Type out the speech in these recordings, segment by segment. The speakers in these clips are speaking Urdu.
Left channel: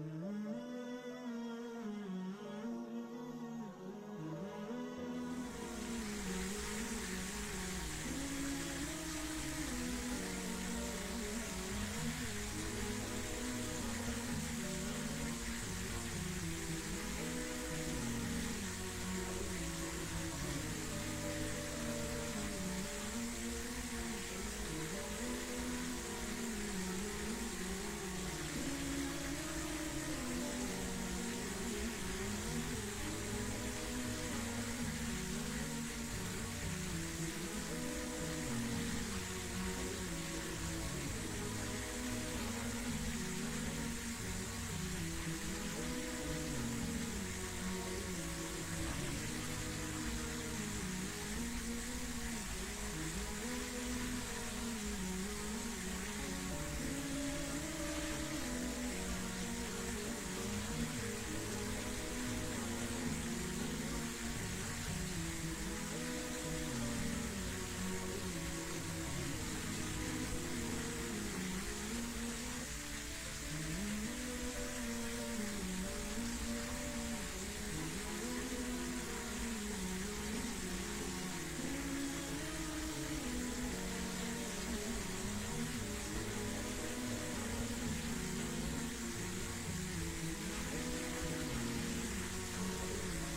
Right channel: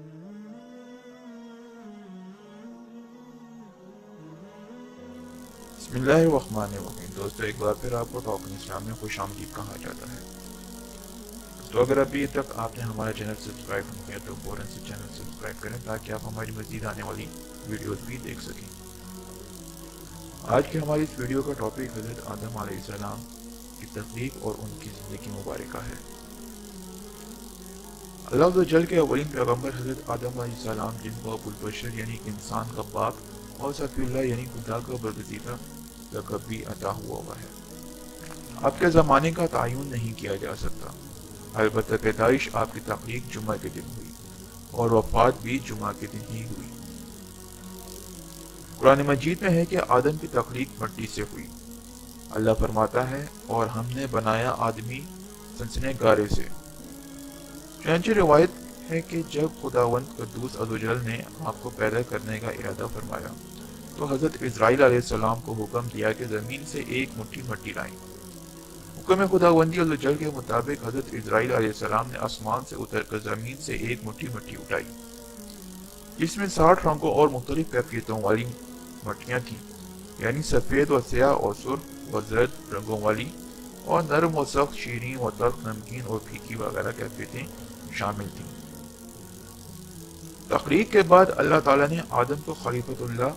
بسم اللہ الرحمن الرحیم۔ دوستو، ایک بار پھر آپ کو ٹاپک اسلام میں خوش آمدید کہا جاتا ہے۔ تو اگر ابھی تک آپ نے ہمارا چینل سبسکرائب نہیں کیا تو فوراً سے چینل سبسکرائب کریں تاکہ آپ ہماری مزید آنے والی ویڈیوز بھی دیکھ سکیں۔ آج کی ہماری اس ویڈیو کا ٹاپک حضرت آدم علیہ السلام کی تخلیق اور ان کی زندگی مبارکہ ہے۔ اللہ عز و جل کے اولین پیغمبر حضرت آدم علیہ السلام، جن کو ابو البشر یعنی انسان کا باپ اور صفی اللہ یعنی خدا کا برگزیدہ لقب بھی عطا ہوا ہے۔ آپ کے زمانے کا تعین نہیں کیا جا سکتا، البتہ پیدائش آپ کی تخلیق جمعہ کے دن ہوئی اور وفات بھی جمعہ کے دن ہی ہوئی۔ قرآن مجید میں ہے کہ آدم کی تخلیق مٹی سے ہوئی۔ اللہ فرماتا ہے، اور ہم نے بنایا آدمی سنسنے گارے سے۔ چنانچہ روایت ہے کہ جب خداوند قدوس عز و جل نے آپ کو پیدا کرنے کا ارادہ فرمایا تو حضرت اسرائیل علیہ السلام کو حکم کیا کہ زمین سے ایک مٹھی مٹی لائیں۔ حکم خداوندی عز و جل کے مطابق حضرت اسرائیل علیہ السلام نے آسمان سے اتر کر زمین سے ایک مٹھی مٹی اٹھائی، جس میں 60 رنگوں اور مختلف کیفیتوں والی مٹیاں تھیں، یعنی سفید و سیاہ اور سرخ و زرد رنگوں والی، اور نرم و سخت، شیریں و تلخ، نمکین اور پھیکی وغیرہ کیفیتیں شامل تھیں۔ تخلیق کے بعد اللہ تعالیٰ نے آدم کو خلیفۃ اللہ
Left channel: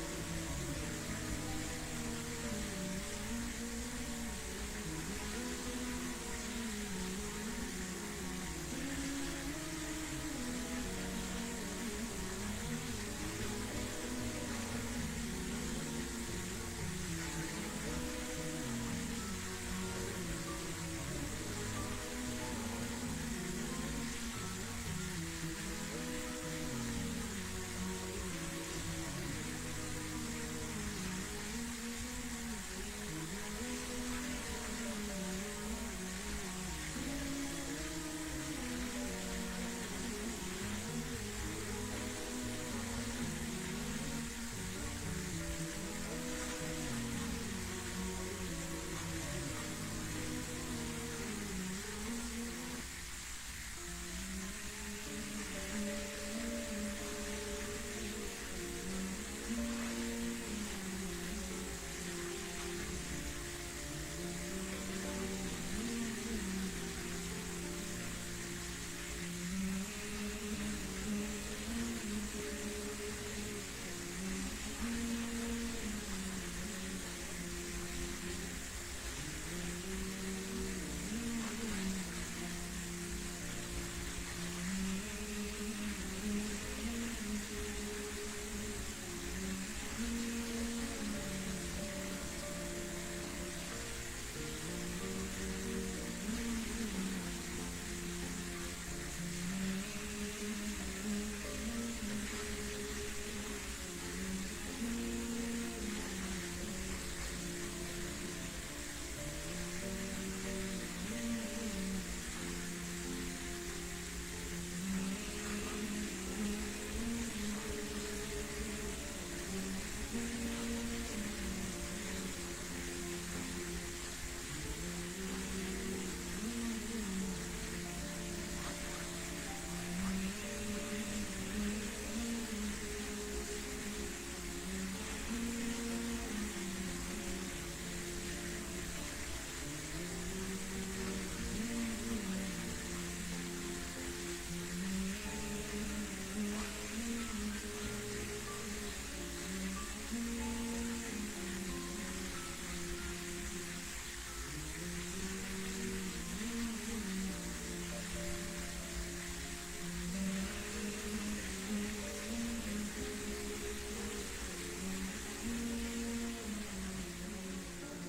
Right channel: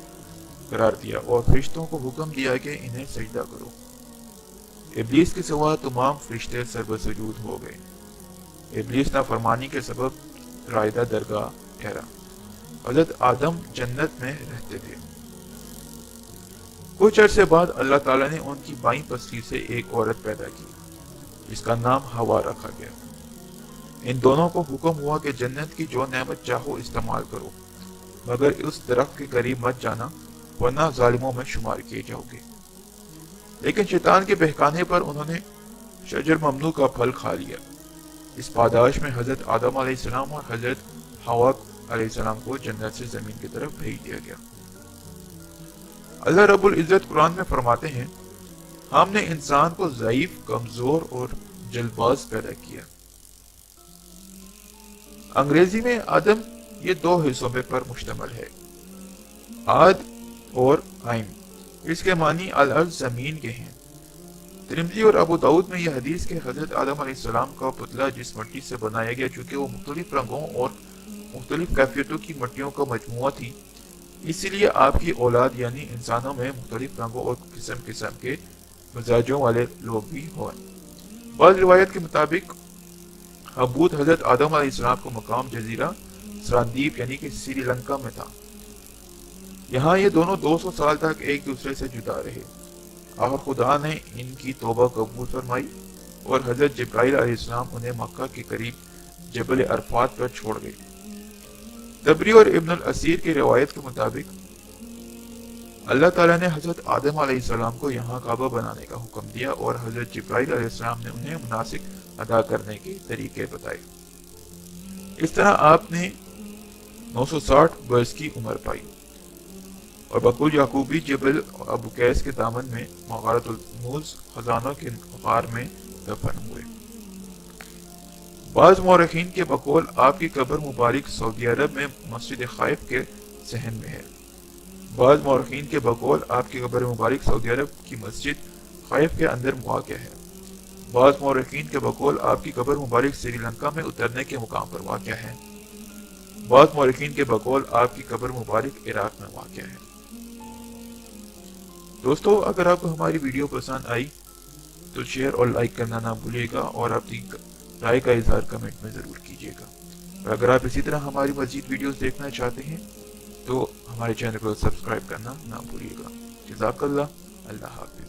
قرار دیا اور فرشتوں کو حکم دیا کہ انہیں سجدہ کرو۔ ابلیس کے سوا تمام فرشتے سجود ہو گئے۔ ابلیس نافرمانی کے سبب رائدہ درگاہ ٹھہرا۔ حضرت آدم جنت میں رہتے تھے۔ کچھ عرصے بعد اللہ تعالیٰ نے ان کی بائیں پستی سے ایک عورت پیدا کی جس کا نام ہوا رکھا گیا۔ ان دونوں کو حکم ہوا کہ جنت کی جو نعمت چاہو استعمال کرو، مگر اس درخت کے قریب مت جانا ورنہ ظالموں میں شمار کیے جاؤ گے۔ لیکن شیطان کے بہکانے پر انہوں نے شجر ممنوع کا پھل کھا لیا۔ اس پاداش میں حضرت آدم علیہ السلام اور حضرت حوا علیہ السلام کو جنت سے زمین کی طرف بھیج دیا گیا۔ اللہ رب العزت قرآن میں فرماتے ہیں، ہم نے انسان کو ضعیف، کمزور اور جلد باز پیدا کیا۔ انگریزی میں آدم یہ دو حصوں پر مشتمل ہے، آد اور آئم۔ اس کے معنی الارض، زمین کے ہیں۔ ترمذی اور ابو داؤد میں یہ حدیث کہ حضرت آدم علیہ السلام کا پتلا جس مٹی سے بنایا گیا، چونکہ وہ مختلف رنگوں اور مختلف کیفیتوں کی مٹیوں کا مجموعہ تھی، اسی لیے آپ کی اولاد یعنی انسانوں میں مختلف رنگوں اور قسم کے مزاجوں والے لوگ بھی ہوئے۔ بعض روایت کے مطابق ابود حضرت آدم علیہ السلام کو مقام جزیرہ سراندیپ یعنی کہ سری لنکا میں تھا۔ یہاں یہ دونوں 200 سال تک ایک دوسرے سے جدا رہے۔ آخر خدا نے ان کی توبہ قبول فرمائی اور حضرت جبرائیل علیہ السلام انہیں مکہ کے قریب جبل عرفات پر چھوڑ گئے۔ تبری اور ابن الاسیر کی روایت کے مطابق اللہ تعالیٰ نے حضرت آدم علیہ السلام کو یہاں کعبہ بنانے کا حکم دیا اور حضرت جبرائیل علیہ السلام نے انہیں مناسک ادا کرنے کے طریقے بتائے۔ اس طرح آپ نے 960 برس کی عمر پائی اور بقول یعقوبی جبل ابو قیس کے دامن میں مغارۃ الکنوز خزانوں کے غار میں دفن ہوئے۔ بعض مورخین کے بقول آپ کی قبر مبارک سعودی عرب میں مسجد خائف کے صحن میں ہے۔ بعض مورخین کے بقول آپ کی قبر مبارک سعودی عرب کی مسجد خائف کے اندر واقع ہے۔ بعض مورخین کے بقول آپ کی قبر مبارک سری لنکا میں اترنے کے مقام پر واقع ہے۔ بعض مورخین کے بقول آپ کی قبر مبارک عراق میں واقع ہے۔ دوستو، اگر آپ کو ہماری ویڈیو پسند آئی تو شیئر اور لائک کرنا نہ بھولیے گا اور اپنی رائے کا اظہار کمنٹ میں ضرور کیجیے گا۔ اور اگر آپ اسی طرح ہماری مزید ویڈیوز دیکھنا چاہتے ہیں تو ہمارے چینل کو سبسکرائب کرنا نہ بھولیے گا۔ جزاک اللہ، اللہ حافظ۔